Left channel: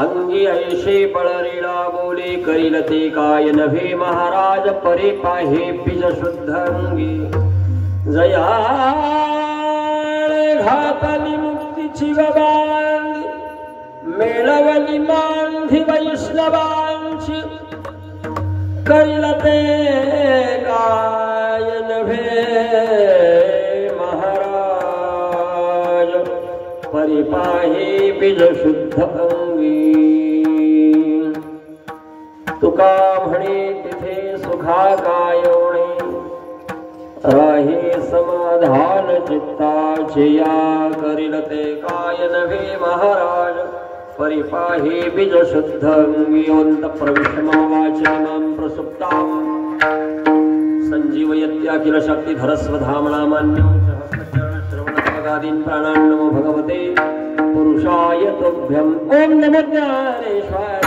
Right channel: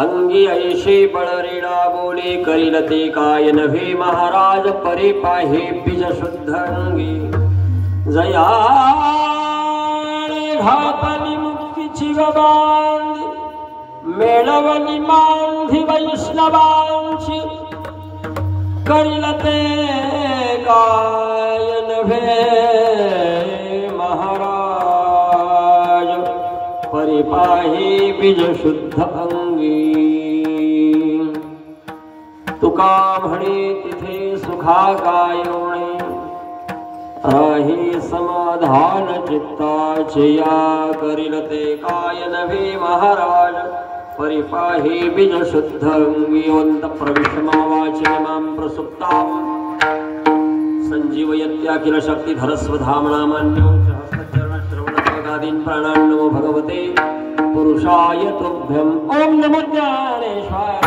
अंगी ऐशे बळरेडा बोले करील ते काय नव्हे महाराज परे पाहे बीज शुद्ध अंगी जया घातली मुक्तीची गबांधी मेळवली मांधी वैष्णवांची करील ते काय नव्हे महाराज परी पाहे बीज शुद्ध अंगी तुका म्हणे तिथे सुखा काय होणे राही समाधान चित्ताचे या करील ते काय नव्हे महाराज परी पाहे बीज शुद्ध अंगी ओंत प्रविष्टमावाचे मां प्रसुप्तां संजीवयत्या किल शक्तिधर स्वधामनामान्यो सहस्रचरण श्रवणपदादीन् प्राणान् नमो भगवते पुरुषाय तुभ्यं ओम नमो ज्ञानेश्वराय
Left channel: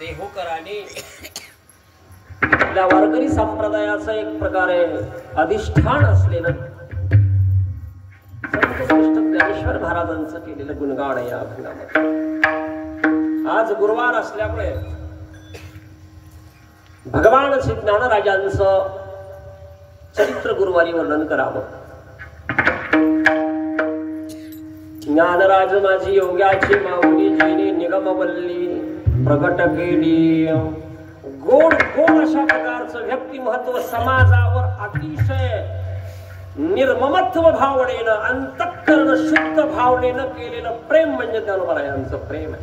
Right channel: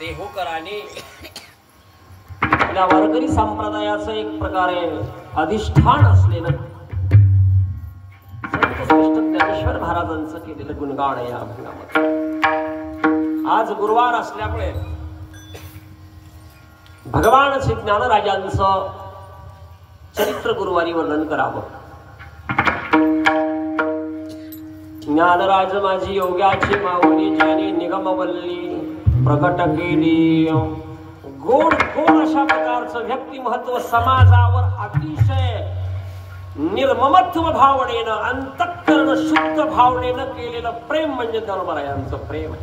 देहोकराने वारकरी संप्रदायाचं एक प्रकारे अधिष्ठान असलेलं संत श्रेष्ठ ज्ञानेश्वर महाराजांचं केलेलं गुणगान या अभंगामध्ये आज गुरुवार असल्यामुळे भगवान श्री ज्ञानराजांचं चरित्र गुरुवारी वर्णन करावं. ज्ञानराज माझी योग्याची माऊली जिने निगमवल्ली प्रकट केली. गोड गोड अशा प्रकारचं व्यक्तिमहत्व समाजावर अतिशय निर्ममत्व भावनेनं अंतःकरण शुद्ध भावनेनं केलेलं प्रेम म्हणजे ज्ञानोबारायांचं प्रेम आहे.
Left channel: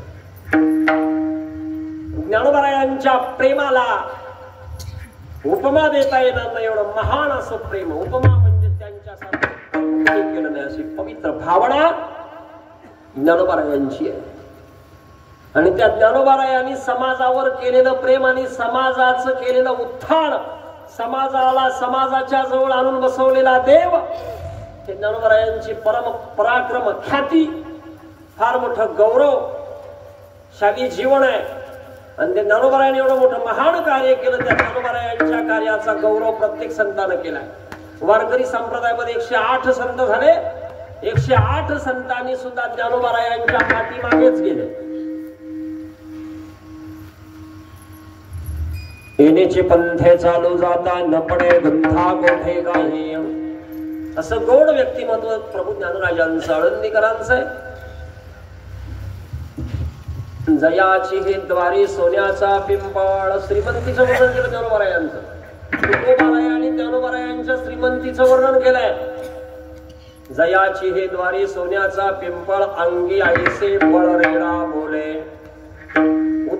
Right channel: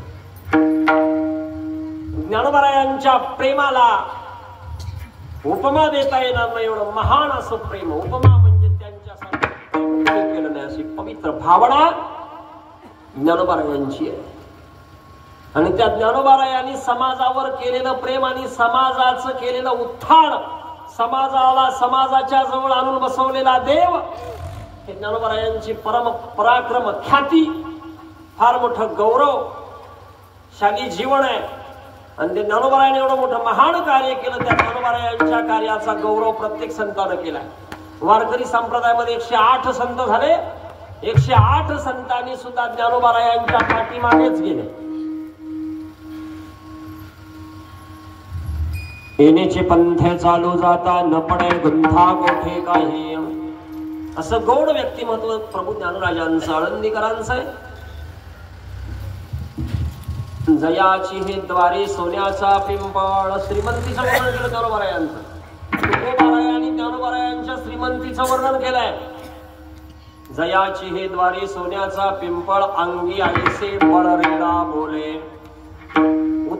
ज्ञानोबारायांच्या प्रेमाला उपमा देता येणार नाही एवढं महान असं प्रेम. उपमा म्हणजे त्यांच्यासारखं केलं नाही अशी पवित्र भावना ज्ञानोबारायांची आहे. आणि त्या ज्ञानोबारायांनी समाजावर केलेलं प्रेम आणि समाजाचं केलेलं उत्थान समाजाला समाजाच्या जवळ आणून बसवलेला देव हे ज्ञानोबारायांची परम पराक्रम ख्याती फार मोठं गौरवशाली जीवन आहे. आणि त्या ज्ञानोबारायांनी एवढं मोठं महान कार्य केलं. त्या ज्ञानोबारायांच्या कार्याचा गौरव प्रत्येक संतानं केलाय. वारकरी संप्रदायामध्ये 108 संत झाले. 108 संतांनी सुद्धा ज्ञानोबारायांच्या पाठीमागेच गेले. येण्याचे पंथे चालू जाता न पडे गुंथा मोठे काही असं गौड व्यक्तिमत्व प्रभू ज्ञानराजांचं आळंदीकरांचं आहे. जयाची हे द्वारी सोन्याचा पिंपळ श्रीमंतीचं वर्णन केलं ज्ञानोबारायांचं. तुकोबारायांनी ज्ञानोबारायांच्या श्रीमंतीचं वर्णन केलंय. जयाची हे द्वारी सोन्याचा पिंपळ अंगी ऐसे बळरेडा बोले.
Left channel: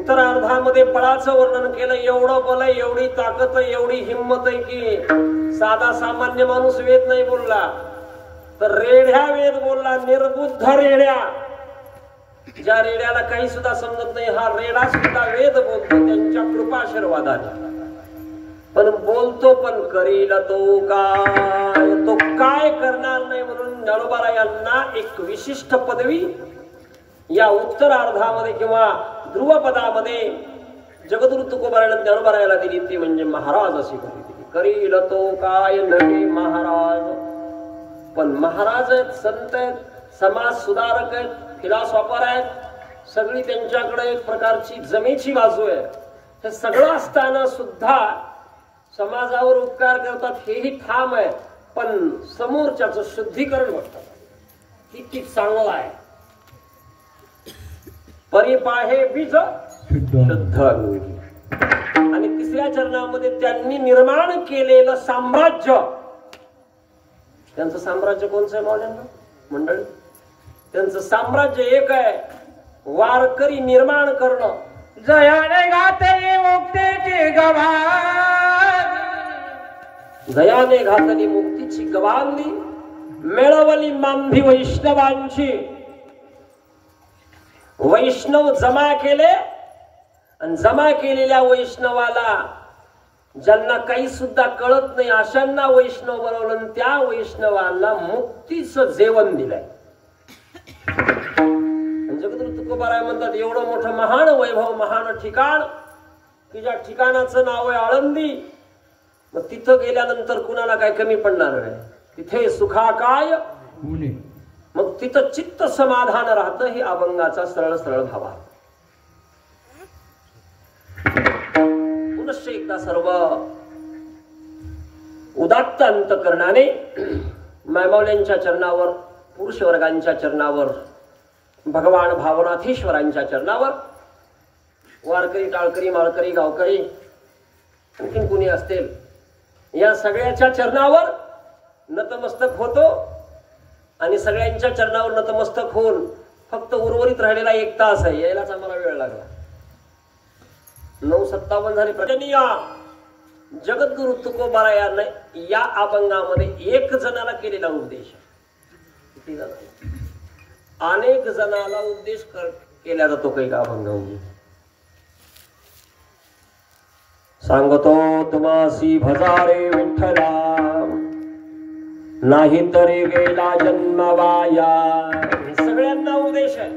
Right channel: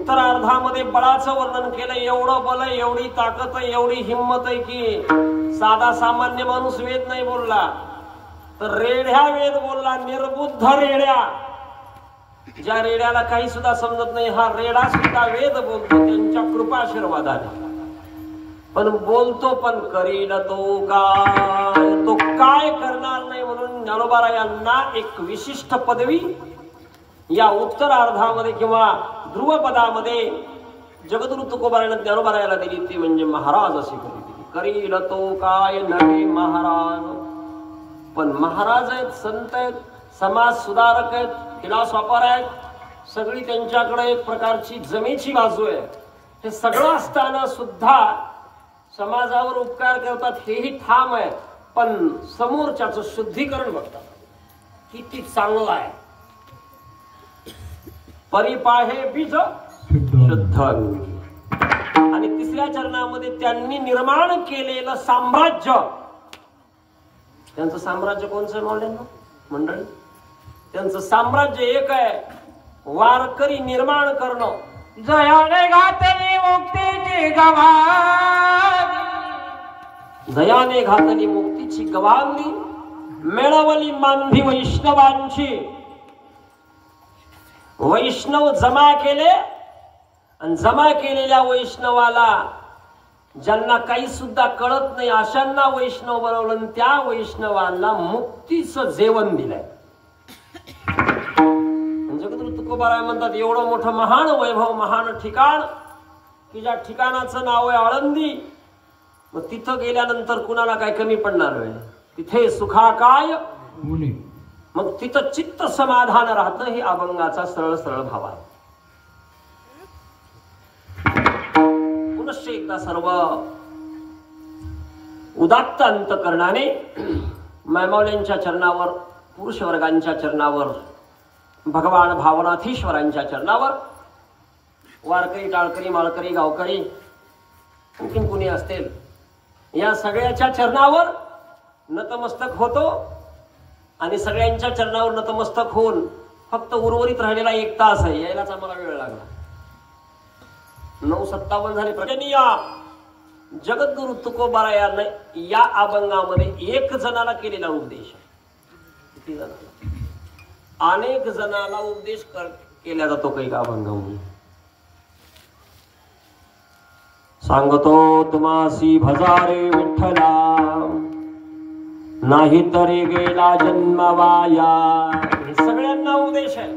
उत्तरार्धामध्ये बळाचं वर्णन केलं. एवढं बल आहे, एवढी ताकद आहे, एवढी हिंमत आहे की साधा सामान्य माणूस वेद नाही बोलला तर रेड्या वेद बोलला. निर्बुद्ध रेड्या, ज्या रेड्याला काही सुद्धा समजत नाही, हा रेडा सुद्धा वेद बोलतो त्यांच्या कृपाशीर्वादाने. पण बोलतो पण करील तो काय, तो काय करणार नाही. म्हणून ज्ञानोबा यांना एक विशिष्ट पदवी या उत्तरार्धामध्ये किंवा ध्रुवपदामध्ये जगद्गुरु तुकोबारायण ज्ञानोबारायाला दिली, ती म्हणजे महाराज अशी दिली. करील तो काय नवी महाराज. पण महाराज आहेत, संत आहेत, समाज सुधारक आहेत, फिलॉसॉफर आहेत, सगळी त्यांच्याकडे एक प्रकारची जमेची बाजू आहे. हे सगळं असताना सुद्धा समाजावर उपकार करतात हेही ठाम आहे. पण समोरच्याचं शुद्धीकरण बघतात किती चांगलं आहे. परिपाहे बीज शुद्ध. आणि तिसऱ्या चरणामध्ये त्यांनी निर्माण केलेलं साम्राज्य, त्यांचं साम्राज्य कोणचं आहे मावल्यांना मंडळी? त्यांचं साम्राज्य एक आहे, वारकरी निर्माण करणं. जयाने घातली मुक्तीची गवाही, दयाने घातली मुक्तीची गवांगी, मिळवली मानवी वैष्णवांची. वैष्णव जमा केले आणि जमा केलेल्या वैष्णवाला ज्यांना काही सुद्धा कळत नाही अशांना वैष्णव बनवलं आणि त्या वैष्णवांना मुक्तीचं जेवण दिलंय. जगद्गुरु तुकोबाराय म्हणतात एवढं मोठं महान वैभव, महान ठिकाण की ज्या ठिकाणाचं नाव आहे आळंदी. मग तिथं गेल्यानंतर कुणाला काय कमी पडणार आहे? तिथे सुखाकाय, मग तिथं चित्त समाधान राहतं. ही अभंगाचा सरळ सरळ भाव आहे. पुनश्च एकदा सर्व उदात्त अंतकरणाने मायमौल्यांच्या चरणावर, पुरुष वर्गांच्या चरणावर, भगवान भावनाथीश्वरांच्या चरणावर, वारकरी, टाळकरी, माळकरी, गावकरी, आणखीन कुणी असतील या सगळ्याच्या चरणावर नतमस्तक होतो. आणि सगळ्यांच्या चरणावर नतमस्तक होऊन फक्त उर्वरित राहिलेला 1 तास आहे, यायलाच आम्हाला वेळ लागला. 9:57 झाले. प्रजनीय जगद्गुरु तुकोबारायाने या अभंगामध्ये 1 जणाला केलेला उपदेश. किती जण? अनेक जणाला उपदेश केला जातो काही अभंगामध्ये. सांगतो तुम्हासी भजारे विठ्ठला, नाही तरी गेला जन्म वाया. हे सगळ्यांना उपदेश आहे.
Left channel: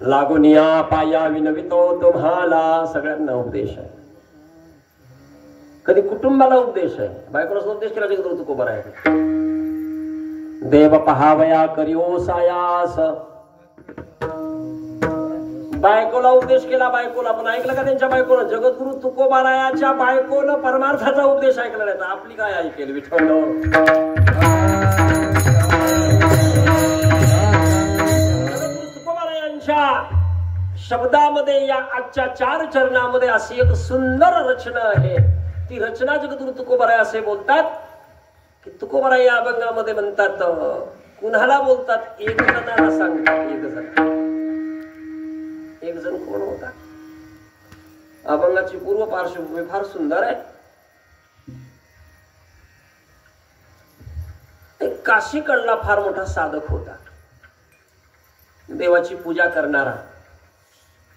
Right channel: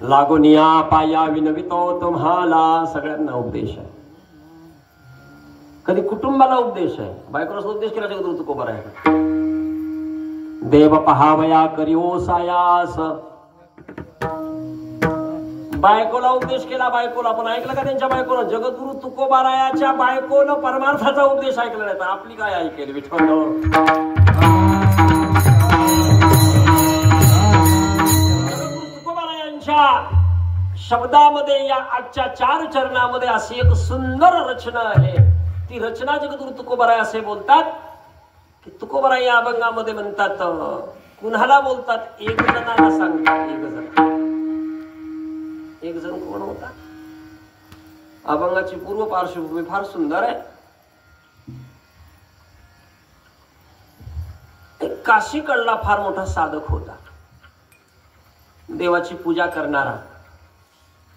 लागून या पाया विनवितो तुम्हाला, सगळ्यांना उपदेश आहे. कधी कुटुंबाला उपदेश आहे. बायकोला उपदेश केला जगद्गुरु तुकोबारायाने. देव पहावया करिओ सायास, बायकोला उपदेश केला. बायकोला पण ऐकलं का त्यांच्या बायकोनं? जगद्गुरु तुकोबारायाच्या बायकोनं परमार्थाचा उपदेश ऐकला नाही तर आपली काय ऐकेल विठ्ठल? जगद्गुरु तुकोबारायांच्या शब्दामध्ये या आजच्या 4 चरणामध्ये अशी एक सुंदर रचना आहे. ती रचना जगद्गुरु तुकोबाराय असे बोलतात की तुकोबाराय या अभंगामध्ये म्हणतात, कुणाला बोलतात? 1 जणाला सांगतात. 1 जण. 1 जण कोण होता? अभंगाची पूर्व पार्श्वभूमी फार सुंदर आहे. एक काशीकडला फार मोठा साधक होता, देवाची पूजा करणारा.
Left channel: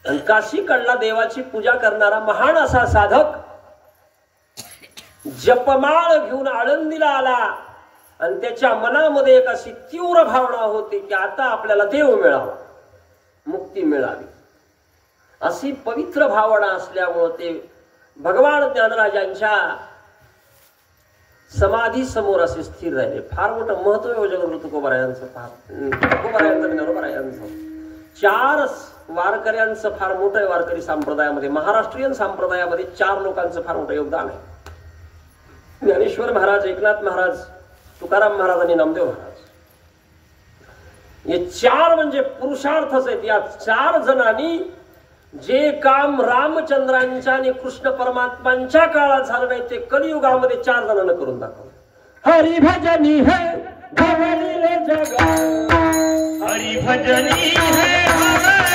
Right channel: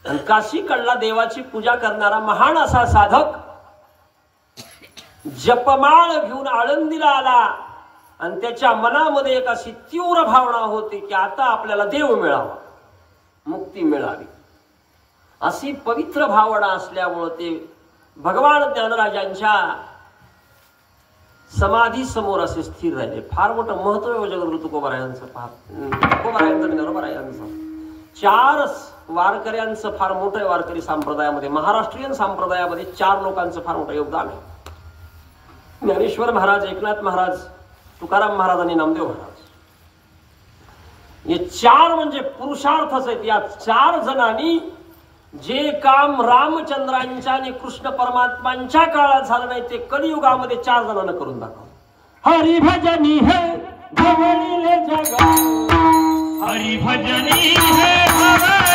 आणि काशीकडला देवाची पूजा करणारा महान असा साधक जपमाळ घेऊन आळंदीला आला. आणि त्याच्या मनामध्ये एक अशी तीव्र भावना होती की आता आपल्याला देव मिळावा, मुक्ती मिळावी. अशी पवित्र भावना असल्यामुळे ते भगवान ज्ञानराजांच्या समाधी समोर असे स्थिर राहिले. फार मोठं महत्व आहे जगद्गुरु तुकोबारायांचं. तुकोबारायांचं ज्ञानोबारायांचं 4 वारकऱ्यांचं फार मोठं आहे. वारकरी संप्रदायामध्ये, महाराष्ट्रीयन संप्रदायामध्ये 4 लोकांचं फार मोठं योगदान आहे. ज्ञानेश्वर महाराज, एकनाथ महाराज, तुकाराम महाराज आणि नामदेव महाराज. हे 4 म्हणजे पुरुषार्थच आहेत. या 4 जणांनी जे काम रामचंद्रांच्या आणि कृष्ण परमात्मांच्या काळात झालं नाही ते कलियुगामध्ये 4 जणांना करून दाखवलं. हरिभजनी है भवळीले जग, हरिभजनी है भवळीले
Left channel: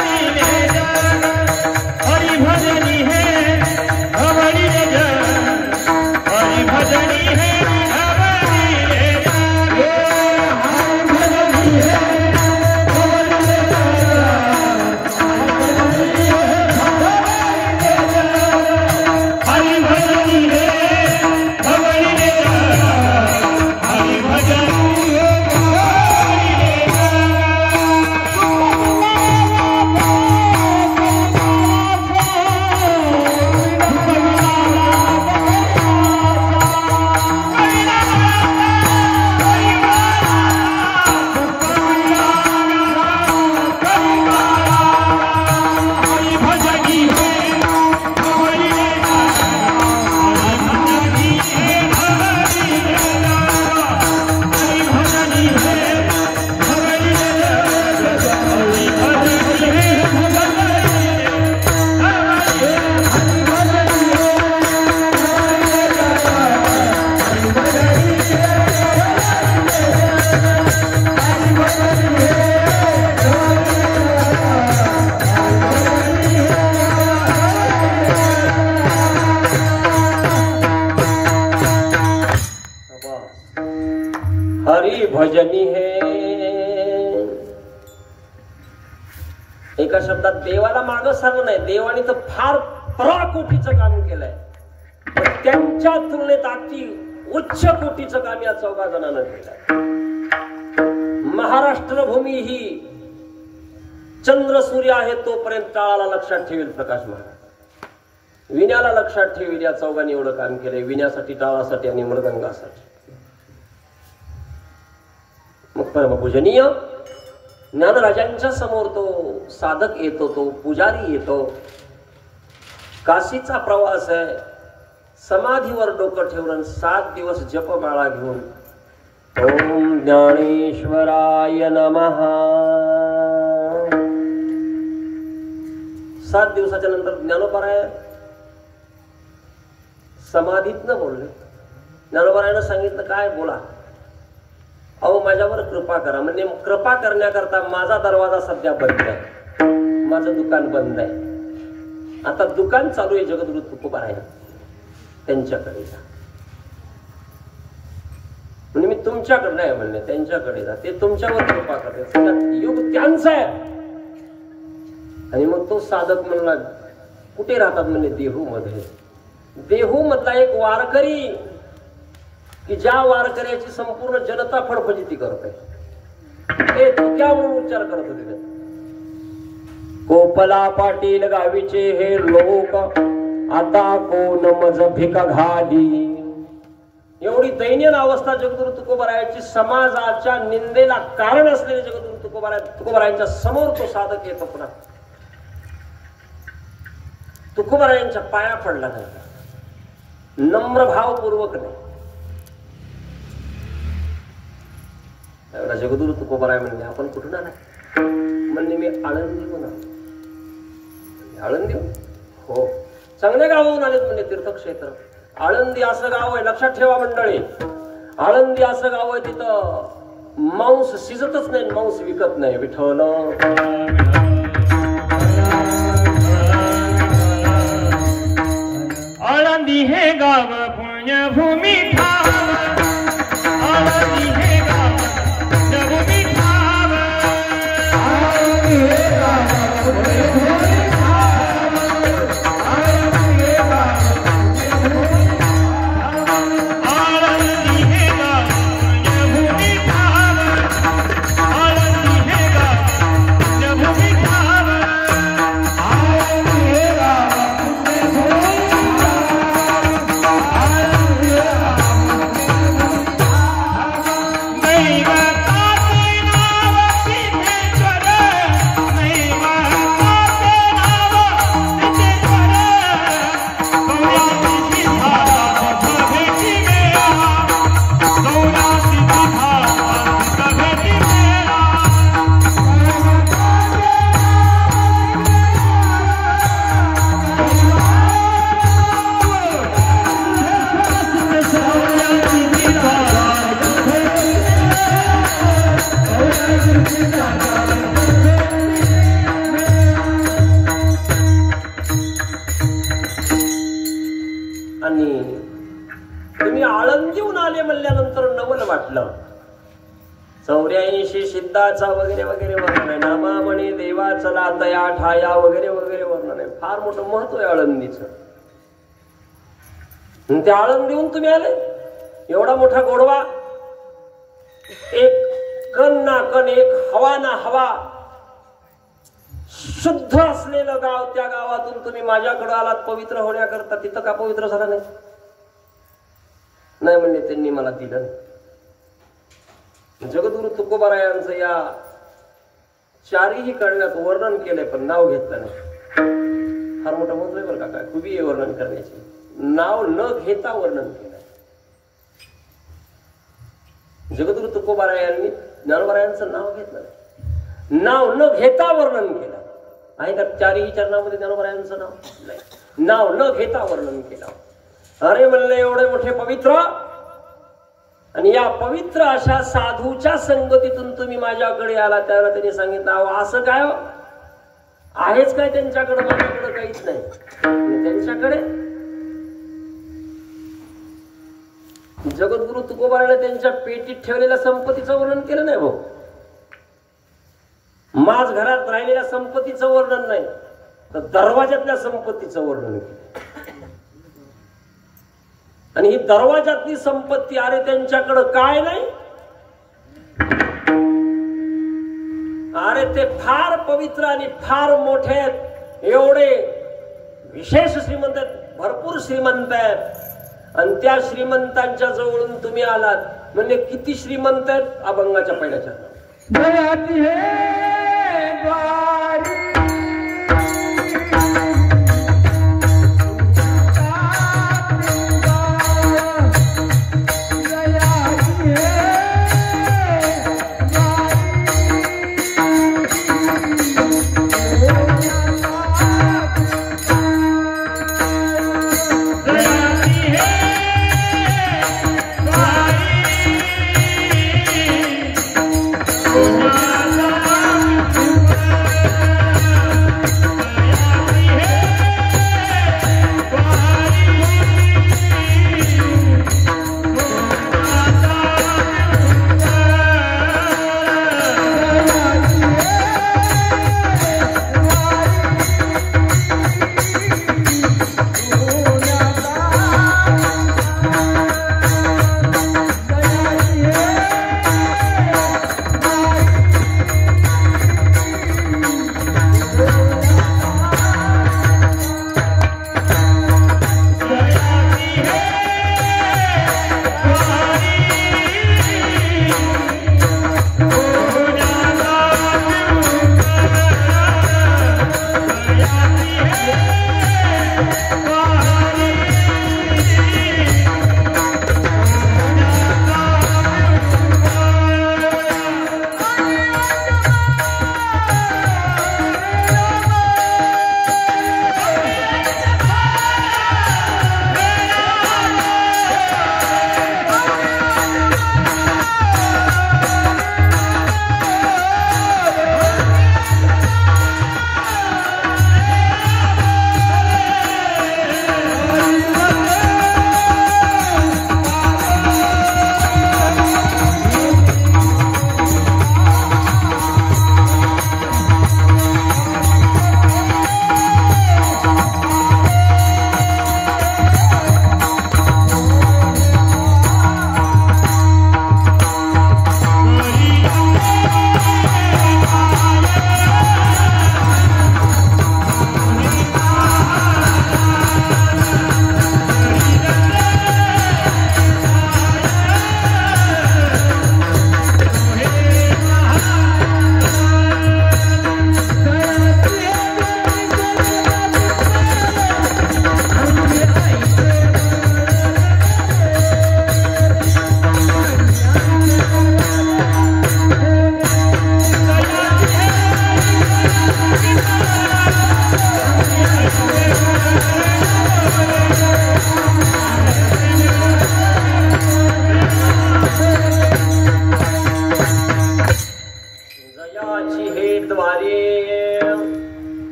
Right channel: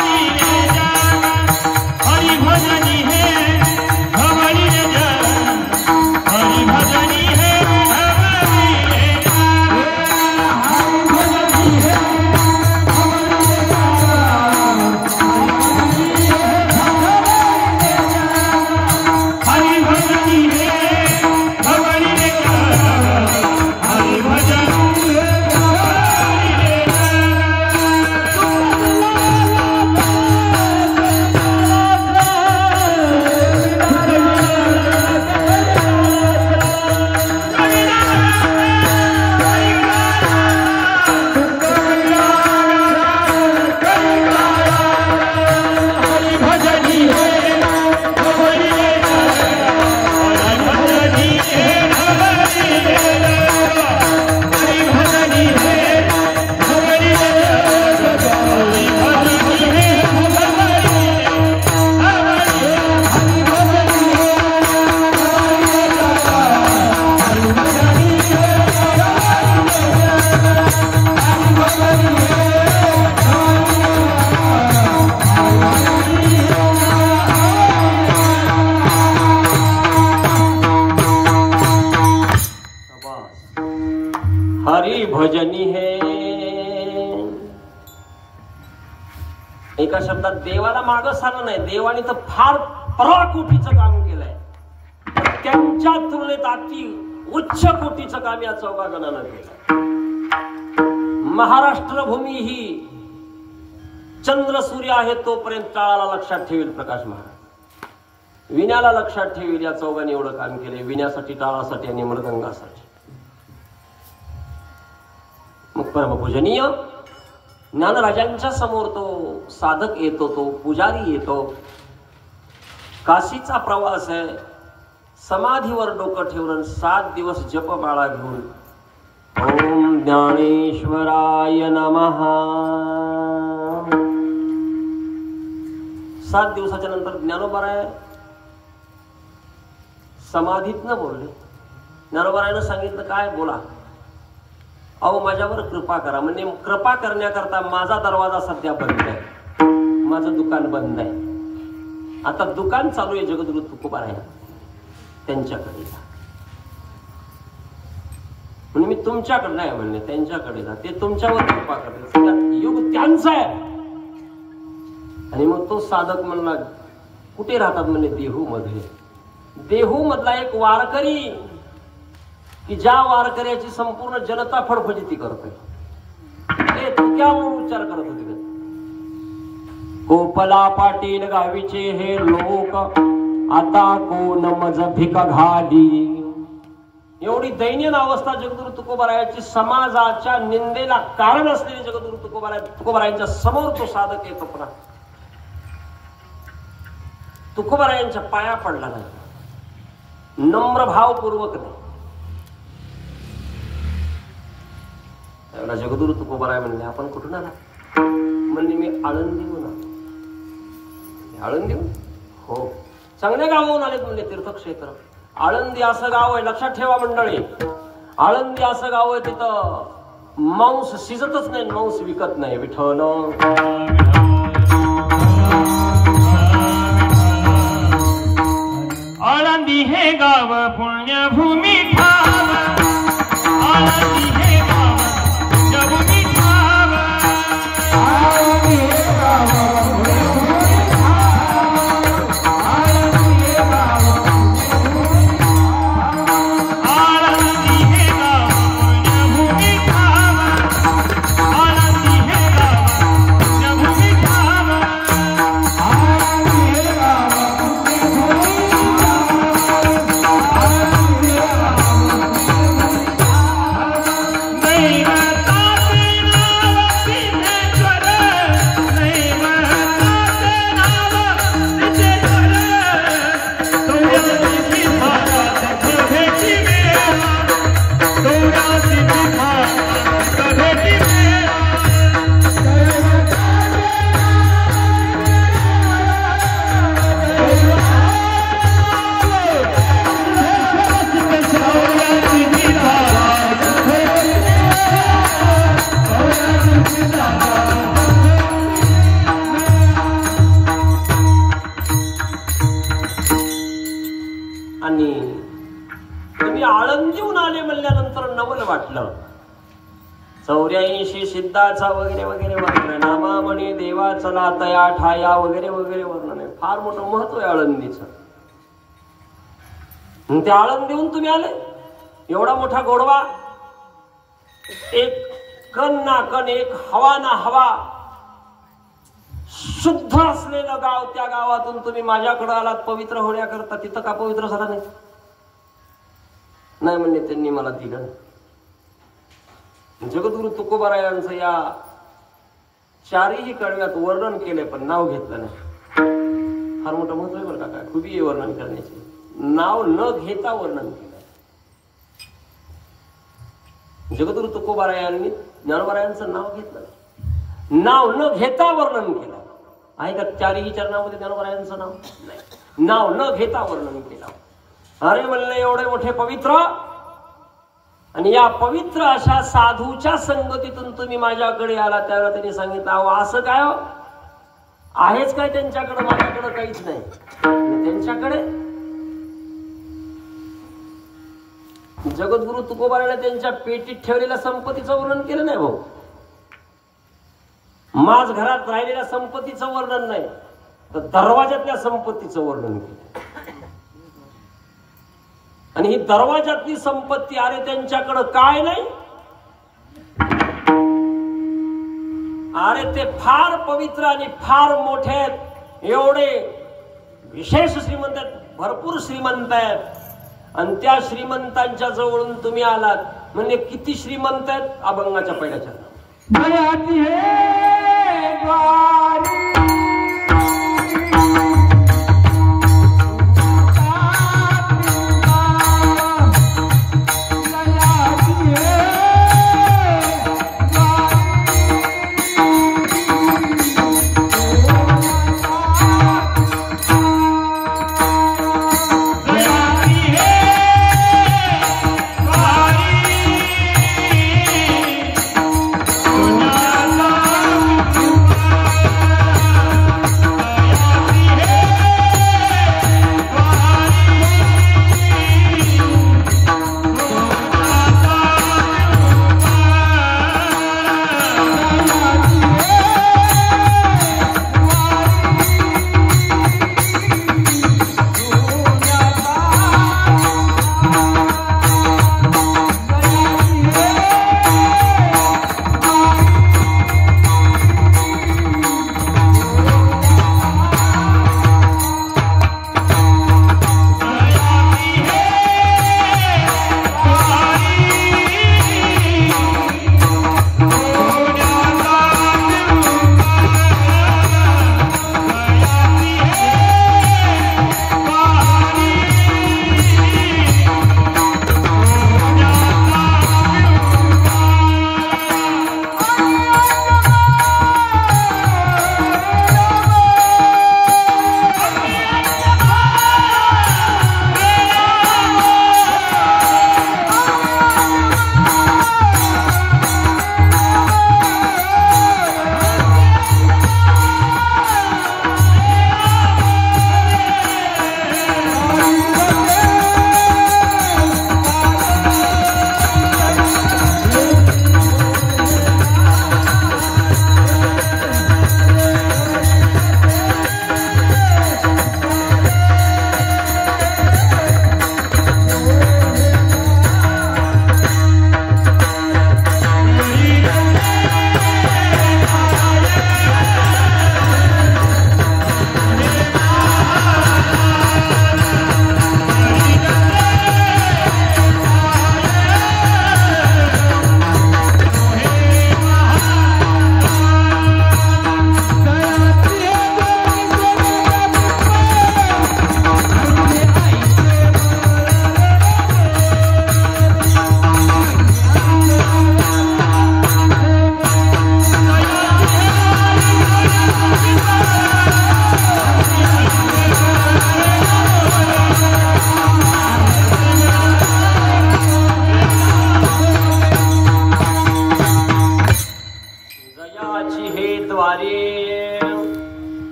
हरी भजनी है. एका शब्दात देवाला मागं सारलं नाही. देवाने तर फार पराकोटीचं काम केलंय. त्यांच्या तुलनेत अति उच्च कोटीचं काम या 14 जणांना केलंय. महाराष्ट्र भूमी ही चंद्र सूर्य आहे तोपर्यंत काळाला लक्षात ठेवील प्रकाश महाराज. विण्याला लक्षात ठेवील. या 14 एवढं काम केलंय. विण्यासाठी, टाळासाठी आणि मृदंगासाठी. मग परमपूजनीय ज्ञानराजांच्या समोर तो साधक येतो, तो पुजारी येतो. काशीचा प्रवास आहे. समाधीवर डोकं ठेवून 7 दिवस जपमाळा घेऊन ओम ज्ञानेश्वराय नमः. 7 दिवसाच्या नंतर ज्ञानोबाराय समाधीतनं बोलले. ज्ञानोबारायनं सांगितलं काय बोला. अहो माझ्यावर कृपा करा. म्हणजे कृपा करण्याकरता माझा दरवाजा सध्या बंद आहे. माझं दुकान बंद आहे. आता दुकान चालू आहे जगद्गुरु तुकोबाराय त्यांच्याकडे जा. म्हणजे मी तुमच्याकडे नाही म्हणले, त्यांच्याकडे जा. ते तुमच्यावर कृपा करते. युग त्यांचं आहे. आणि मग तो साधक म्हणला कुठे राहतात म्हणजे देहू मध्ये. देहू मधला एक वारकरी की ज्या वारकऱ्याची संपूर्ण जनता फडफडीती करते. ते तुक्यावरून उच्चार करत होते. गोपला पाटील गावीचे हे लोक आता कोण मज भिका घाली. एवढी दैनीय अवस्था जगद्गुरु तुकोबारायाची. समाजाच्या निंदेला कारण असलेले जगद्गुरु तुकोबारायांच्या समोर तो साधक येतो. पुन्हा तुकोबारायांच्या पाया पडला नाही. नम्र भावपूर्वक नाही. जगद्गुरु तुकोबाराय म्हणले आपण कुठून आला. म्हणले मी आळंदीहून आलो. आळंदीहून? हो. चांगले गावाहून आलेत म्हणले. तीर्थक्षेत्र आळंदी असं गाव आहे. लक्षात ठेवा मंडळी. आळंदी असं गाव आहे तिथं मांस शिजतच नाही, मांस विकत नाही. विठ्ठल आळंदी हे गाव पुण्यभूमी ठाव. आळंदी हे गाव पुण्यभूमी ठाव. आळंदी हे गाव पुण्यभूमी ठाव. आळंदी हे गाव पुण्यभूमी ठाव. आळंदी हे गाव पुण्यभूमी ठाव. आळंदी हे गाव पुण्यभूमी तुम्ही आळंदीहून आले म्हणल्यानंतर नवल वाटलं. 84 सिद्धाचा वगैरे वगैरे वर्णन आहे. नामामणी देवा चला तया ठाया वगैरे वगैरे वर्णन आहे. फार मोठं महत्व आहे आळंदीचं. ते आळंदीहून तुम्ही आले, एवढा मोठा गोडवा, एक कण ना कण, एक हवा ना हवा, शुद्ध असलेलं गाव, त्या गावातून तुम्ही माझ्याकडे आलात पवित्र होण्याकरता. तिथं का पवित्र झाला नाही? नाही म्हणले त्यांनी मला दिलं. जगद्गुरु तुकोबारायांचं या चारही कडव्यात वर्णन केलंय पण नाव घेतलं नाही. फार मोठं महत्व आहे बरं का, काय खूप आहे वर्णन करण्याचे. नाव न घेता वर्णन केलंय. जगद्गुरु तुकोबारायांनी ज्ञानोबारायांचं नाव घेतलं नाही, नाव न घेता वर्णन केलं आहे का? चारही चरणामध्ये ज्ञानोबारायांचं नाव नाही, नाव न घेता वर्णन केलं. अरे म्हणलं एवढे मोठे पवित्र, आणि या पवित्र अशा साधूच्या संगतीतून तुम्ही माझ्याकडे आला. त्यावेळेला त्यांनी सांगितलं, अहो असं काय हो, आहेच काय त्यांच्याकडे? माझ्याकडे काहीच नाही. त्यांच्याकडे जगद्गुरु तुकोबाराने त्यांच्या पेटीत ठेवलेल्या संपत्तीचं वर्णन केलं नाही भाऊ. माझ घरात राहिलेल्या संपत्तीचं वर्णन नाही, तर दरवाजातल्या संपत्तीचं वर्णन केलं. आणि ही दरवाजातली संपत्ती, अरे त्यांच्याकडे काय नाही, अरे ते फार पवित्र आणि फार मोठे आहेत, एवढे विशेष श्रीमंत आहेत, भरपूर श्रीमंत आहेत. आणि त्या श्रीमंतांच्या जवळून तुम्ही आलात म्हणजे किती श्रीमंत आहेत? अभंगाच्या पहिल्याच्या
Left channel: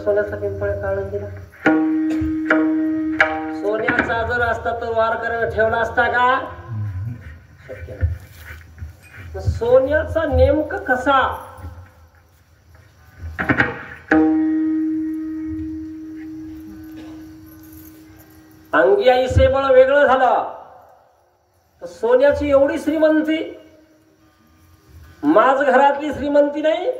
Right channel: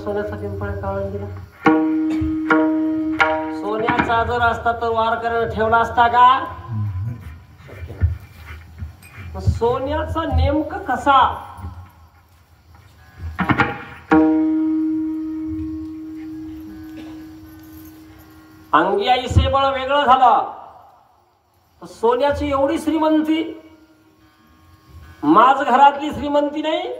सोन्याचा पिंपळ काढून दिला? सोन्याचा जर असता तर वार करायला ठेवला असता का? शक्य नाही. सोन्याचा नेमकं कसा? अंगी आईसे बळ वेगळं झालं. सोन्याची एवढी श्रीमंती, माझ घरातली श्रीमंती नाही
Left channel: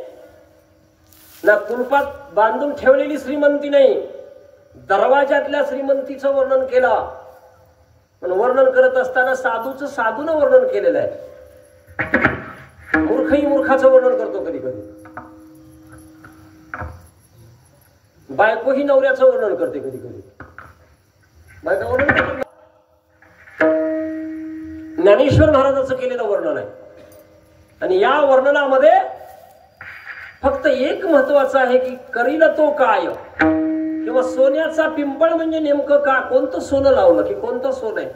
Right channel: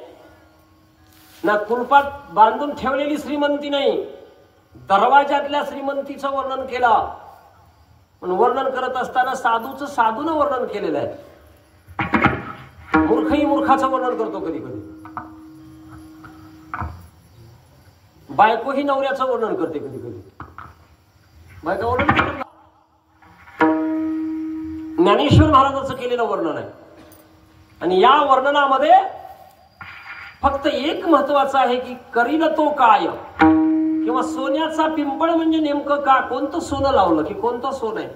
ना, कुलपात बांधून ठेवलेली श्रीमंती नाही, दरवाजातल्या श्रीमंतीचं वर्णन केलं. पण वर्णन करत असताना साधूचं साधूनं वर्णन केलेलं आहे. मूर्खही मूर्खाचं वर्णन करतो कधी कधी. बायको ही नवऱ्याचं वर्णन करते कधी कधी. बायका वर्णन करतो. ज्ञानेश्वर महाराजांचं केलेलं वर्णन आहे. आणि या वर्णनामध्ये फक्त एक महत्वाचं आहे की करील तो काय, किंवा सोन्याचा पिंपळ म्हणजे नेमकं का, कोणतं सोनं लावलं की कोणतं सोनं आहे.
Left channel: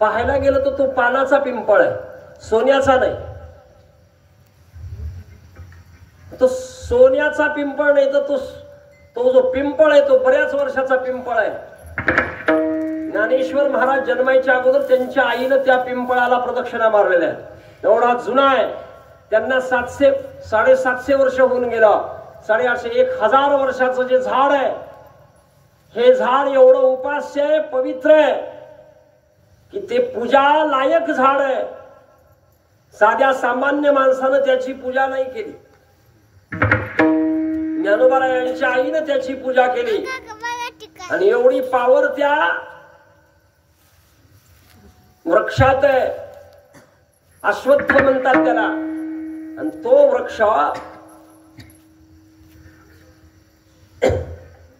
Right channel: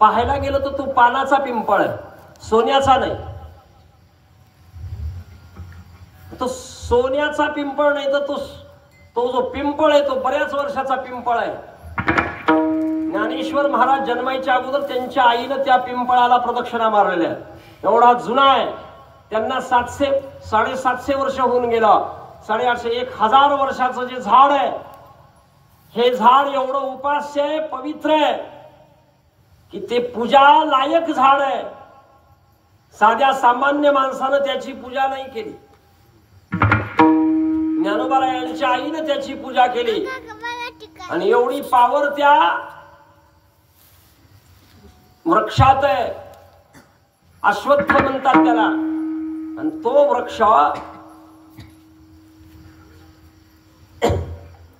पाहायला गेलं तर तो पानाचा पिंपळ आहे, सोन्याचा नाही. तो सोन्याचा पिंपळ नाही तर तो जो पिंपळ आहे तो बऱ्याच वर्षाचा पिंपळ आहे. ज्ञानेश्वर महाराज जन्मायच्या अगोदर त्यांच्या आईनं त्या पिंपळाला प्रदक्षिणा मारलेल्या आहे. एवढा जुना आहे. त्यांना 700-750 वर्ष होऊन गेलं. 850 1000 वर्षाचं जे झाड आहे, हे झाड एवढं उपास्य आहे, पवित्र आहे की ते पूजा लायक झाड आहे. साध्या सामान्य माणसानं त्याची पूजा नाही केली. ज्ञानोबारायांच्या आईनं त्याची पूजा केली. आणि एवढी पावर त्या वृक्षात आहे. अश्वत्थ म्हणतात त्याला. आणि तो वृक्ष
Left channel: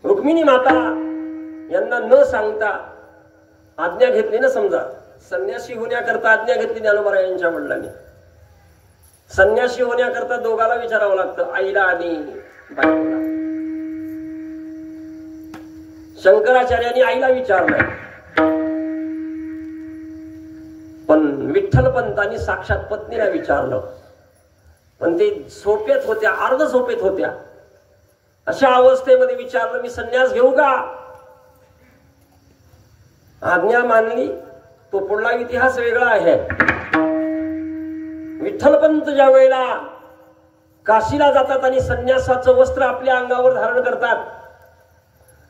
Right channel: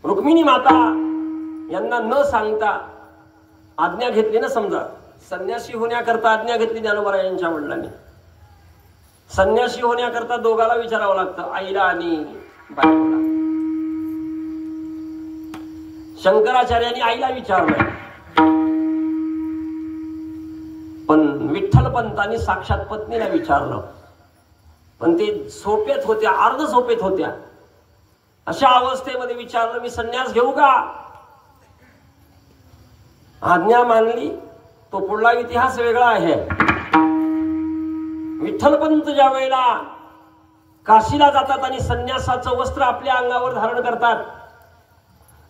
रुक्मिणी माता यांना न सांगता आज्ञा घेतली ना. समजा संन्यासी होण्याकरता आज्ञा घेतली ज्ञानोबारायांच्या वडिलांनी. संन्यासी होण्याकरता दोघाला विचारावं लागतं, आईला आणि बायकोला. शंकराचार्यांनी आईला विचारलं, पण विठ्ठल पंतांनी साक्षात पत्नीला विचारलं. पण ते झोपेत होत्या, अर्ध झोपेत होत्या. अशा अवस्थेमध्ये विचारलं, मी संन्यास घेऊ का? आज्ञा मानली. तो पुढला इतिहास वेगळा आहे. विठ्ठलपंत ज्या वेळेला काशीला जातात आणि संन्यासाचं वस्त्र आपल्या अंगावर धारण करतात,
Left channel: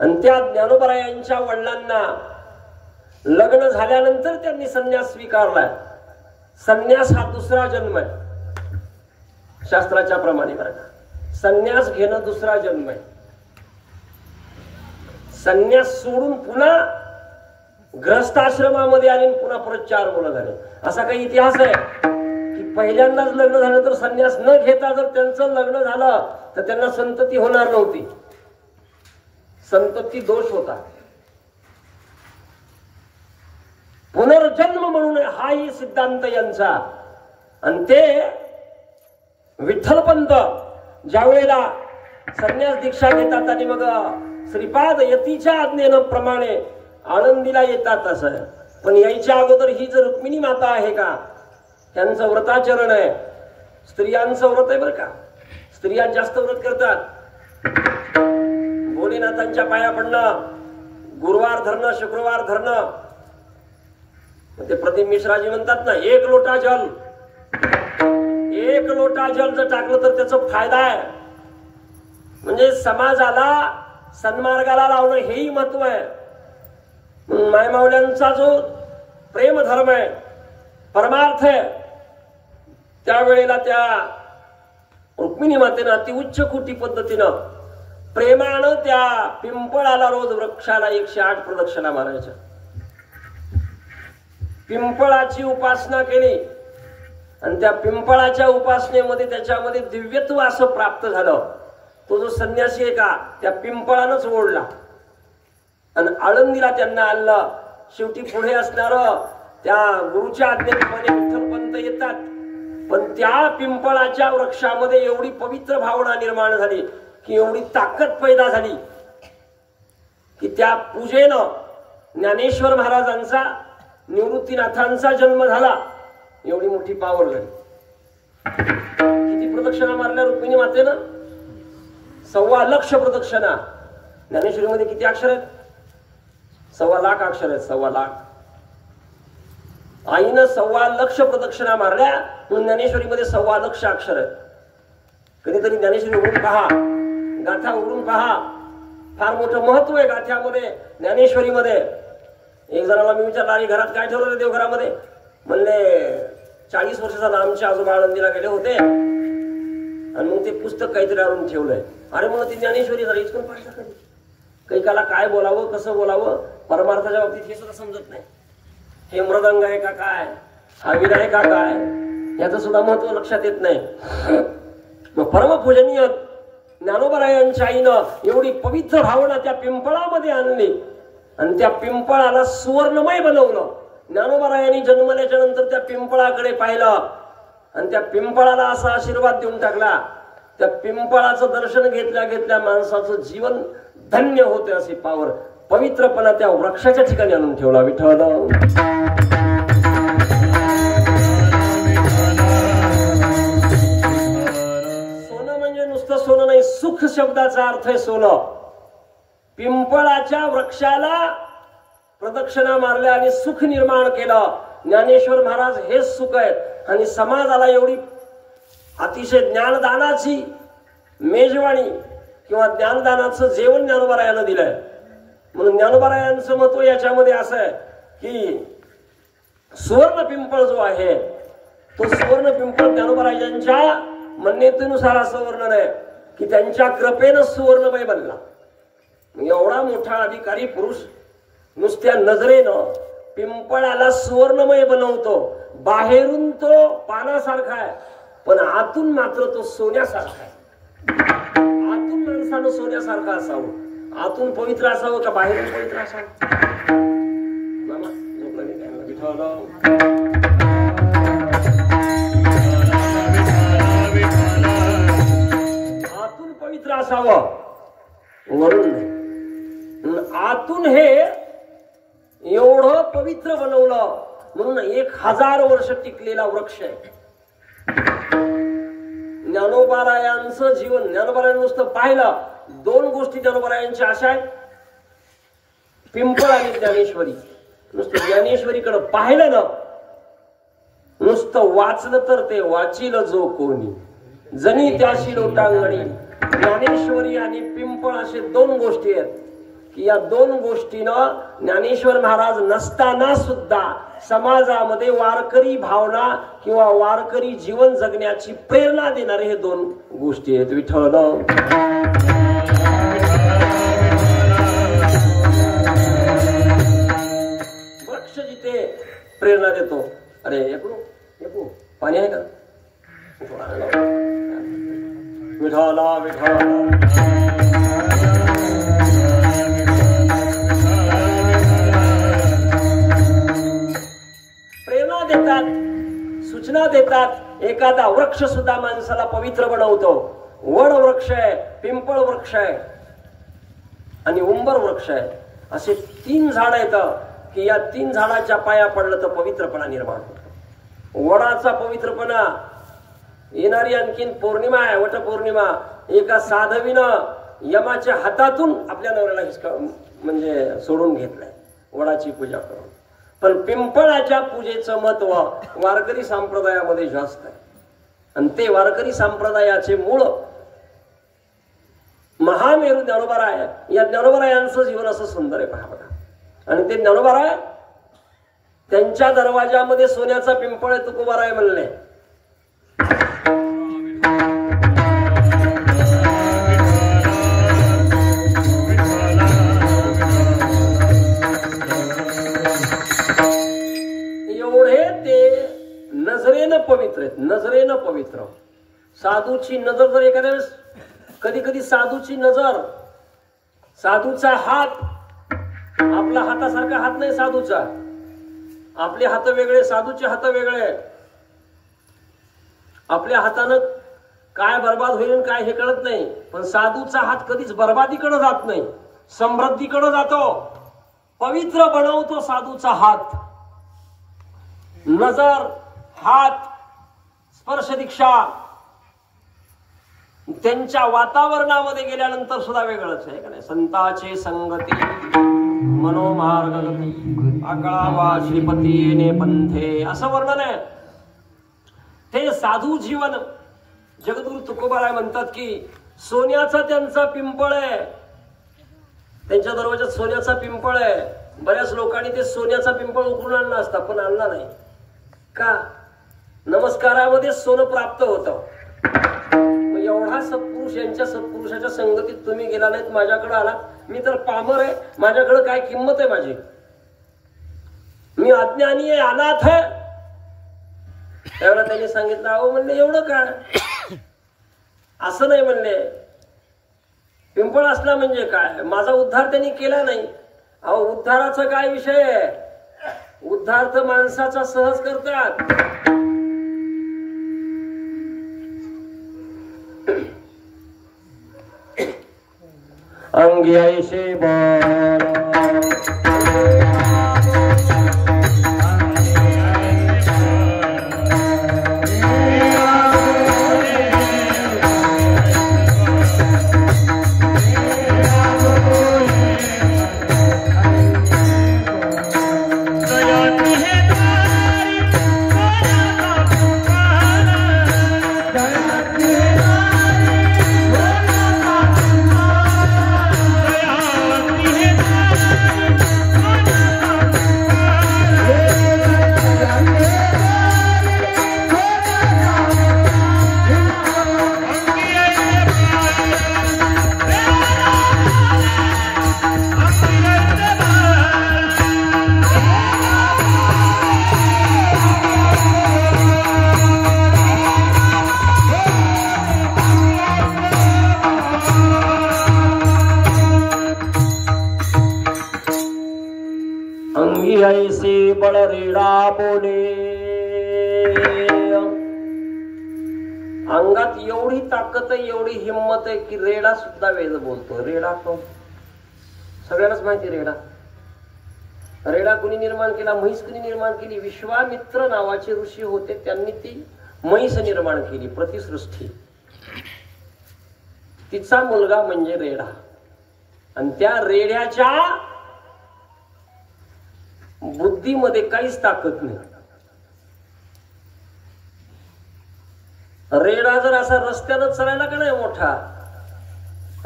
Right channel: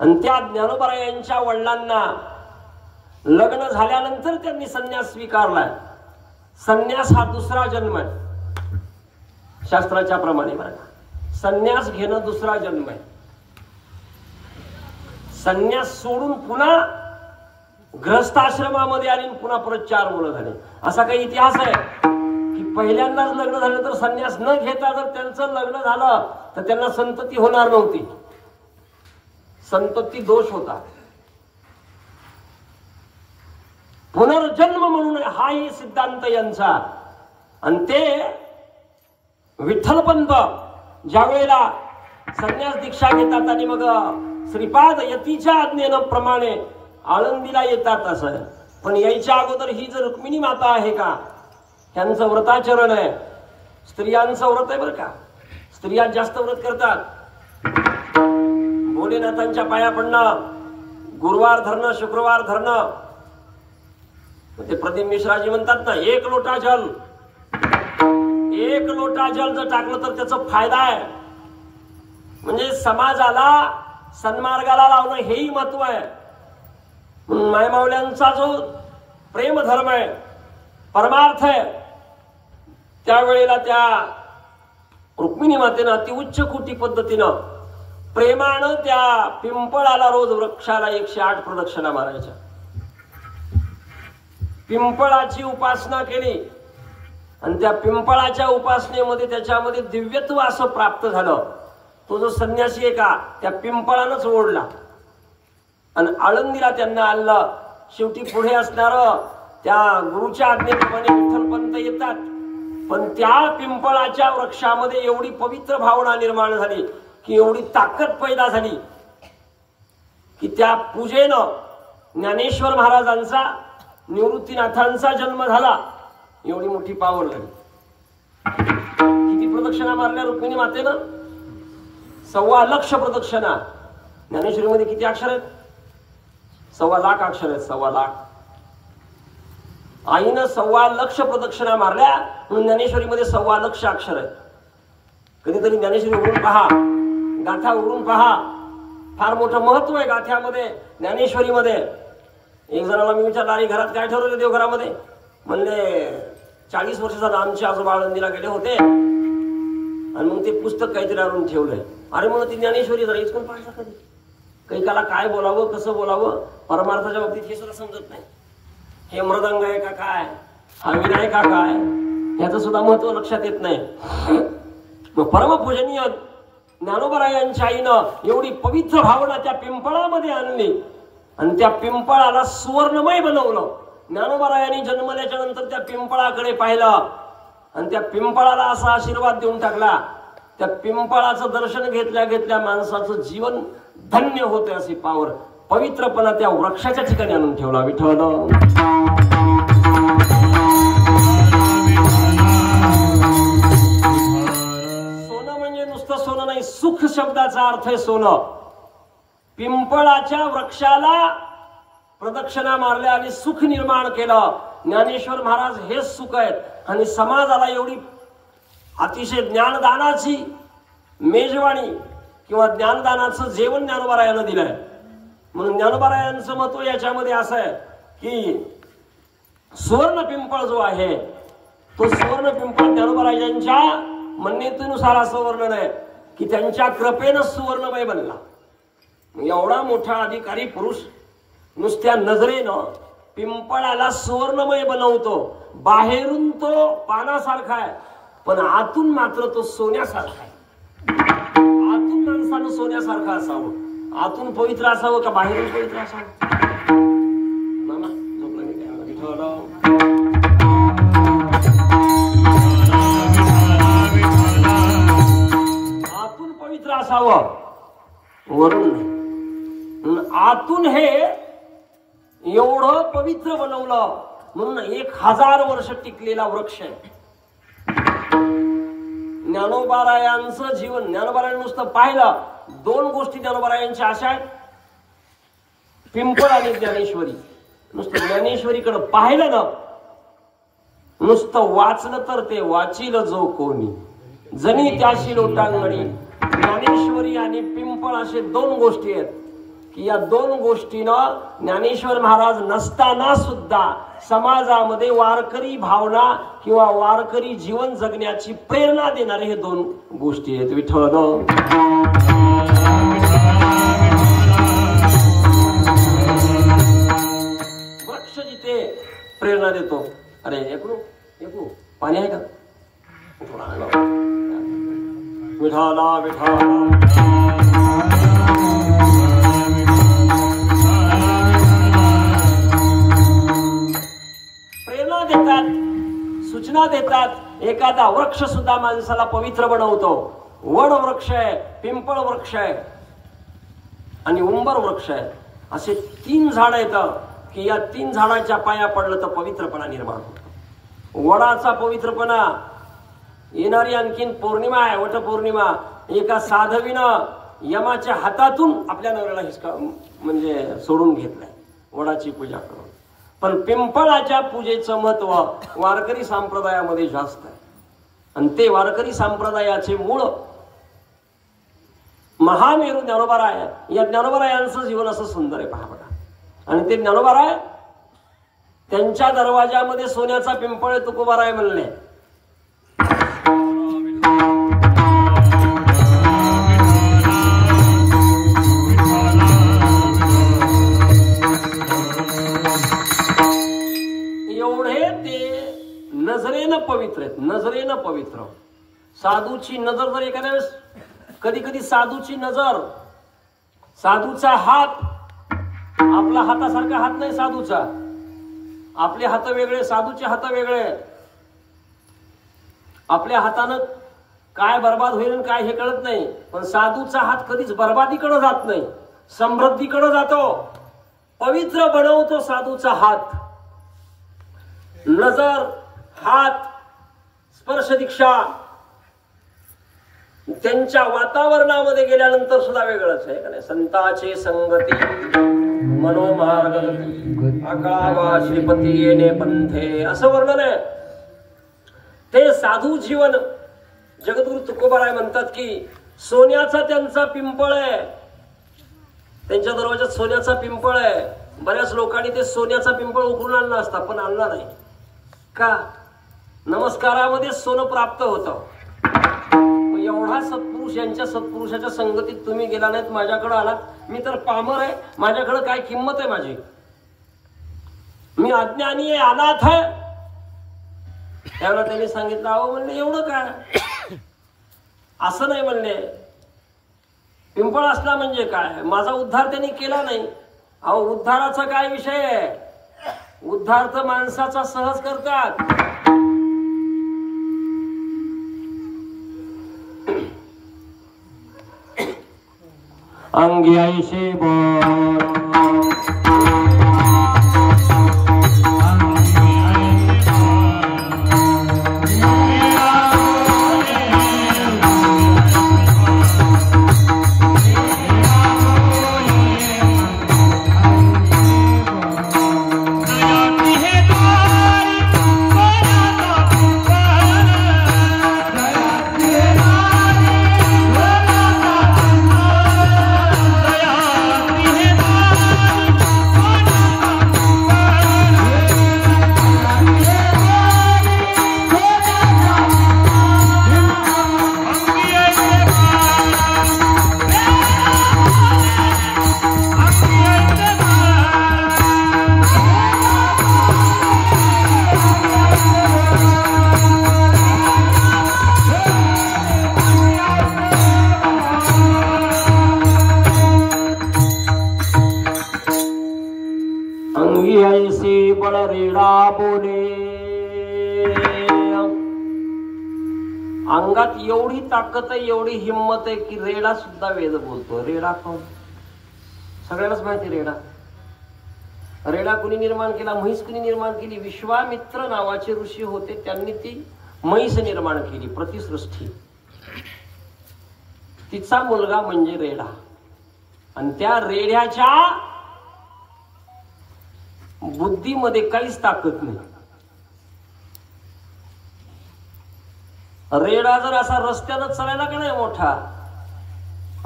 आणि त्या ज्ञानोबारायांच्या वडिलांना लग्न झाल्यानंतर त्यांनी संन्यास स्वीकारलाय. संन्यास हा दुसरा जन्म आहे शास्त्राच्या प्रमाणे. बरं का, संन्यास घेणं दुसरा जन्म आहे. संन्यास सोडून पुन्हा ग्रहस्थाश्रमामध्ये आले, पुन्हा परत 4 मुलं झाले. असा काही इतिहास आहे की पहिल्यांदाच लग्न झालं तर संन्यास न घेता जर त्यांचं लग्न झालं तर त्यांना संतती होणार नव्हती. संतती दोष होता. पुनर्जन्म म्हणून हाही सिद्धांत यांचा. आणि ते विठ्ठलपंत ज्या वेळेला संन्यास दीक्षा घेतात आणि मग श्रीपाद यतीच्या आज्ञेनं प्रमाणे आळंदीला येतात असं आहे. पण यायच्या अगोदर ही जर रुक्मिणी माता आहे का, त्यांचं व्रताचरण आहे. स्त्रियांचं व्रत आहे बरं का. स्त्रिया जास्त व्रत करतात. भोलेनाथांच्या पाया पडणं, गुरुवार धरणं, शुक्रवार धरणं. ते प्रदीप मिश्राजी म्हणतात ना, 1 लोटा जल, 1 लोटा जल जर टाकलं तर त्याचा फायदा आहे. म्हणजे समाजाला सन्मार्गाला लावणं हेही महत्व आहे. मायमावल्यांचा जो प्रेम धर्म आहे, परमार्थ आहे, त्यावेळेला त्या रुक्मिणी मातेनं अति उच्च कोटी पद्धतीनं प्रेमानं त्या पिंपळाला रोज वृक्षाला 108 प्रदक्षिणा मारायच्या. पिंपळाची उपासना केली आणि त्या पिंपळाच्या उपासनेमध्ये त्याच्यामध्ये दिव्यत्व असं प्राप्त झालं. तो जो संन्यासी आहे का, त्या पिंपळानंच ओढला आणि आळंदीला त्यांना आणलं. शेवटी पुढे असणार त्या गुरुच्या आज्ञेप्रमाणे विठ्ठलपंत येतात. पण त्या पिंपळाच्या वृक्षामध्ये एवढी पवित्र भावना निर्माण झाली की एवढी ताकद पैदा झाली की त्या पूजेनं ज्ञानेश्वर महाराजांचा, निवृत्तीनाथांचा जन्म झाला. एवढी मोठी पावर झाली. किती प्रदक्षिणा मारल्या रुक्मिणी मातेनं? 1.25 लाख प्रदक्षिणा. ज्ञानेश्वरीमध्ये किती अक्षर आहेत? 1.25 लाख अक्षर आहेत. 1.25 लाख. आईनं 1.25 लक्ष प्रदक्षिणा मारल्या म्हणून ज्ञानेश्वरीमध्ये 1.25 लक्ष अक्षर आहेत. कधीतरी ज्ञानेश्वरी उघडून पहा, गाथा उघडून पहा. फार मोठं महत्व आहे गाथ्यामध्ये, ज्ञानेश्वरीमध्ये. एक जणाला मी विचारलं, आणि घरात काय ठेवलं देवघरामध्ये? म्हणले 40 वर्षाचा आमचे आजोबा आळंदीला गेले होते आणि मग ते पुस्तक काहीतरी आणून ठेवलंय. अरे म्हणून ती ज्ञानेश्वरी जरा इचकून पाहिजे कधी. कैकाला काय बोलावं, कसं बोलावं, परमार्थाच्या बाबतीत हे सुद्धा समजत नाही. हे मृदंग आहे का काय, हा वीणा आहे का काय, याचं सुद्धा महत्व लक्षात येत नाही. मग परमपूजनीय ज्ञानोबरायांच्या आईनं एवढी पवित्र भावना त्या पिंपळामध्ये आणली आणि त्या पिंपळाला सुवर्णमय बनवलं. ज्ञानोबरायांनी जन्मल्याच्या नंतर त्या पिंपळाकडे पाहिलं आणि त्या पिंपळाला असा आशीर्वाद देऊन टाकला. त्या पिंपळाचं दर्शन घेतल्या घेतल्या माणसाचं जीवन धन्य होते अशी पावर, पवित्रपणा त्या वृक्षाच्या ठिकाणी आणून ठेवला विठ्ठल. सोनं म्हणजे नुसतं सोनं नाही, सुख शब्दाचा अर्थ आहे सोनं. पिंपळाच्या वृक्षाला प्रदक्षिणा मारल्या आणि सुख निर्माण केलं. ज्ञानेश्वर महाराज हेच सुख आहे. आणि समाजाला एवढी अतिशय ज्ञानदानाची मेजवानी किंवा ज्ञानदानाचं जेवण ज्ञानोबरायानं दिलंय. म्हणून ज्ञानोबरायांचं महत्व याच्यामध्ये असं आहे की सुवर्ण पिंपळ जो आहे तो सुवर्ण पिंपळ ज्ञानोबरायांच्या मान्यतेनुसार असं वर्णन आहे की त्यांच्या कृपेनं सुवर्णमय बनला. एवढा मोठा अधिकारी पुरुष नुसत्या नजरेनं पिंपळाला सुवर्णमय बनवतो. बाहेरून तो पानासारखा आहे पण आतून मात्र तो सोन्यासारखा आहे. आतून माणसानं सोन्यासारखा असावं, आतून पवित्र असावं का बाहेरून पवित्र असावं? मामा झोपला मी काय विठ्ठल. आतून पवित्र असावं, वरून नाही. आतून हे एवढं पवित्र बनवलं म्हणून 1000 वर्ष टिकलेला वृक्ष आहे. ज्ञानोबरायांचं जीवन, ज्ञानोबरायांनी नुसतं पाहिलं, 2 गोष्टी ज्ञानोबरायांच्या अशा आहेत, पिंपळ आणि ज्ञानेश्वरी. नुसतं ज्ञानेश्वरीकडे पाहिलं ना, नुसतं वाचलं तर ते वाचिल जो कोणी, जनी त्याशी लोटांगणी. ज्ञानेश्वरी आणि पिंपळ असे 2 गोष्टी आहेत की या 2 गोष्टीनं ज्ञानेश्वर महाराज नसताना सुद्धा समाजामध्ये वारकरी भावना किंवा वारकरी जीवन जगण्याची प्रेरणा देणारे हे 2 गोष्टी आहेत विठ्ठल. वृक्ष जिथे प्रेरणा देतो. अरे एकू पाणी आहे का? विठ्ठला विठ्ठला. सूचना देतात. एखादा वृक्ष सुद्धा माणसाला पवित्र बनवतो. वड वृक्ष आहे, पिंपळ वृक्ष आहे आणि उंबर वृक्ष आहे. असे 3 झाडं येतात की या 3 झाडाच्या पाया पडलं तर पवित्रपणा निर्माण होतो. वडाचा पवित्रपणा, येणारी आणखीन पौर्णिमा आहे, वटपौर्णिमा. एका साधवीनं यमाच्या हातातून आपल्या नवऱ्याला हिसका म्हणजे सोडून घेतलाय वडाची पूजा करून. पण पिंपळाच्या पूजेचं महत्व वारकरी संप्रदायामध्ये जास्त आहे आणि ते वारकरी संप्रदायाचे मूळ महामेरू ज्ञानोबराय. या ज्ञानोबरायांचं जीवन असं सुंदर आहे पहा बघा. आणि ते ज्ञानोबराय त्यांच्या दरवाजामध्ये सोन्याचा पिंपळ आहे, तुकोबाराय म्हणले. नजरेनं पवित्र आहेत, नजरेनं पवित्र. साधूची नजर जर एखाद्या वेळेस, कधी कधी साधूची नजर, साधूचा हात आपला हातासारखा हात नाही साधूचा. आपले हात वेगळे, साधूचे हात वेगळे. आपल्या हातानं काय बर्बाद होईल काय हे कळत नाही, पण साधूचा हात कधीच बर्बादीकडे जात नाही, समृद्धीकडे जातो. पवित्र बनवतो साधूचा हात. नजर, हात, स्पर्श दीक्षा त्यांच्या वातावरणामध्ये गेल्यानंतर सुद्धा वेगळंच आहे का नाही. संताचे संगती मनोमार्गगती आकळावा श्रीपती येणे पंथे असं वर्णन आहे. ते साधू जीवन जगद्गुरु तुकोबाराय म्हणतात की सोन्याचा त्यांचा पिंपळ आहे. त्यांच्या दरवाजात सोन्याचा पिंपळ आहे. बऱ्याच लोकांनी ते सोन्याचा पिंपळ उकरून आणला असता पण आणला नाही का. नमस्कारामध्ये सोनं प्राप्त होतं. एवढा सत्पुरुष यांच्या सत्पुरुषाच्या संगतीत तुम्ही गेला नाहीत, माझ्याकडे आलात. मी तर पामर आहे, माझ्याकडे काय किंमत आहे माझी. मी अज्ञानी आहे, अनाथ आहे. त्यावेळेला त्यांनी सांगितलं अहो म्हणले एवढं काय. असं नाही म्हणले. पिंपळ असला म्हणजे काय, माझा उद्धार त्यांनी केला नाही. अहो उद्धाराचा काय विषय आहे. उद्धार तर माणसाचा सहज करतात. अंगी ऐसे अंगात एवढी ताकद आहे, एवढी हिंमत आहे की रेडा सुद्धा वेद बोलतो. रेडा कोण? सगळ्यांनाच माहिती रेडा. रेडा कुणी निर्माण केला? म्हैस कुणी निर्माण केली? विश्वामित्र नावाचे ऋषी होते, त्यांनी ती म्हैस निर्माण केली, प्रतिसृष्टी. तिचा मुलगा म्हणजे रेडा. आणि त्या रेड्याच्या बुद्धीमध्ये काहीच ताकद नाही. रेडा जर असा रस्त्यानं चालायला का नाही मोठा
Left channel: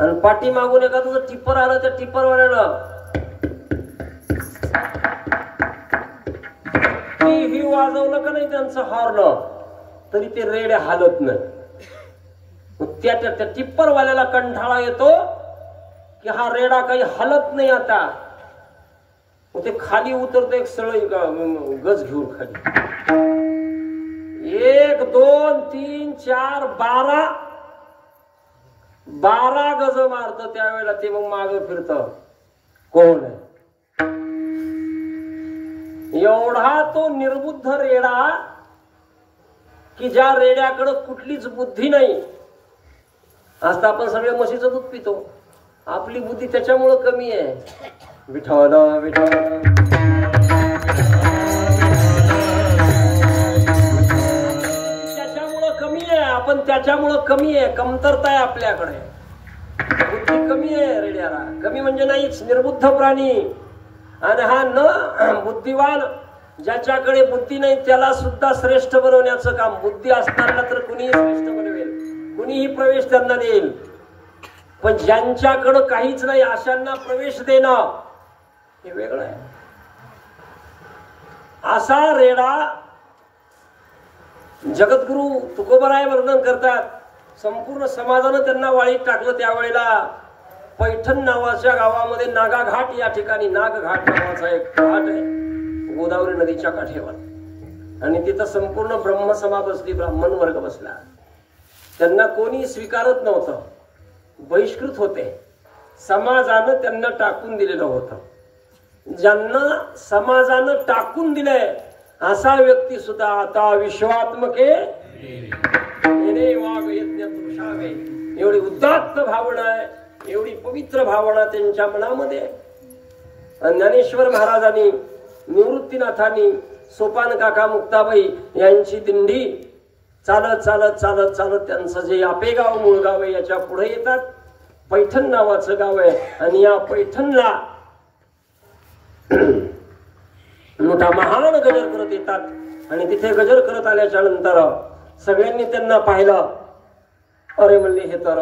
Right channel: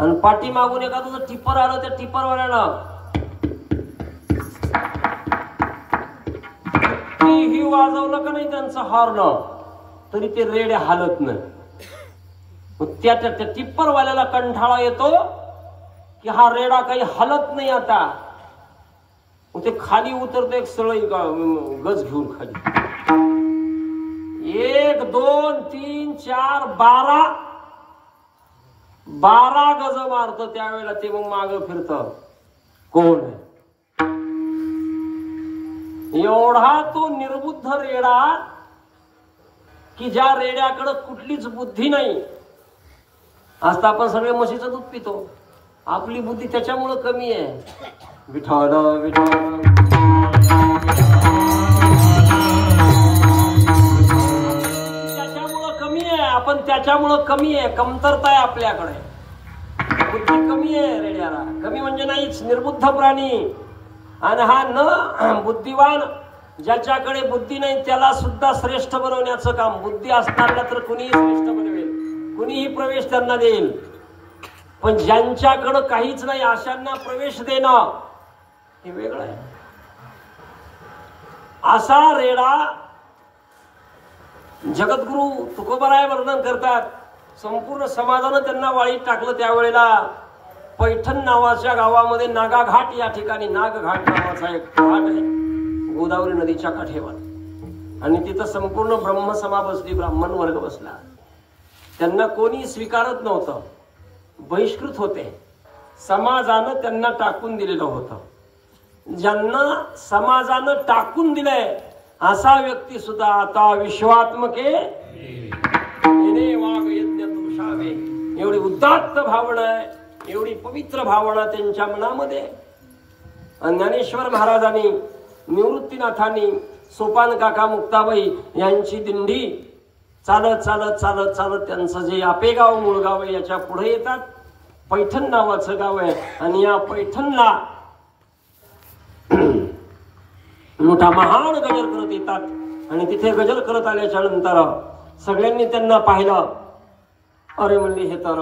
आणि पाठी मागून एखादं जर टिप्पर आलं, त्या टिप्परवाल्यानं ही वाजवलं का नाही त्यांचं हॉर्न, तरी ते रेडे हालत नाही. त्या टिप्परवाल्याला कंठाळा येतो की हा रेडा काही हलत नाही आता. ते खाली उतरत एक सळई गज घेऊन खाली 1 2 3 4 12 गज मारत. त्यावेळेला ते मग माग फिरत. कोण आहे? एवढा तो निर्बुद्ध रेडा की ज्या रेड्याकडे कुठलीच बुद्धी नाही. आज तर आपण सगळे म्हशीचं दूध पितो. आपली बुद्धी त्याच्यामुळे कमी आहे. विठ्ठल विठ्ठल त्याच्यामुळं कमी आहे. आपण त्याच्यामुळं कमी आहे. कमतरता आहे आपल्याकडे. बुद्धी कमी आहे रेड्याला. कमी म्हणजे नाहीच, निर्बुद्ध प्राणी. आणि हा न बुद्धिवान ज्याच्याकडे बुद्धी नाही त्याला सुद्धा श्रेष्ठ बनवण्याचं काम. बुद्धी असताना तर कुणीही श्रेष्ठ बनवेल, कुणीही प्रवेश त्यांना देईल. पण ज्यांच्याकडे काहीच नाही अशांना प्रवेश देणं हे वेगळं आहे. असा रेडा जगद्गुरु तुकोबाराय वर्णन करतात. संपूर्ण समाजानं त्यांना वाळीत टाकलं. त्यावेळेला पैठण नावाच्या गावामध्ये नागा घाट या ठिकाणी, नाग घाट नावाचा एक घाट आहे गोदावरी नदीच्या काठेवर. आणि तिथं संपूर्ण ब्रह्मसभा बसली, ब्राह्मण वर्ग बसला. त्यांना कोणी स्वीकारत नव्हतं, बहिष्कृत होते. समाजानं त्यांना टाकून दिलेलं होतं. ज्यांना समाजानं टाकून दिलंय असा व्यक्ती सुद्धा आता विश्वात्मके वाघ यज्ञ तुषावे, एवढी उदात्त भावना आहे, एवढी पवित्र भावना त्यांच्या मनामध्ये. ज्ञानेश्वर महाराजांनी, निवृत्तीनाथांनी, सोपान काका मुक्ताबाई यांची दिंडी चालत चालत चालत चालत त्यांचं जे आपेगाव मुळगाव आहे याच्या पुढे येतात. पैठण नावाचं गाव आहे आणि या पैठणला मोठा महान गजर करत येतात आणि तिथे गजर करत आल्याच्या नंतर सगळ्यांनी त्यांना पाहिलं. अरे म्हणले हे तर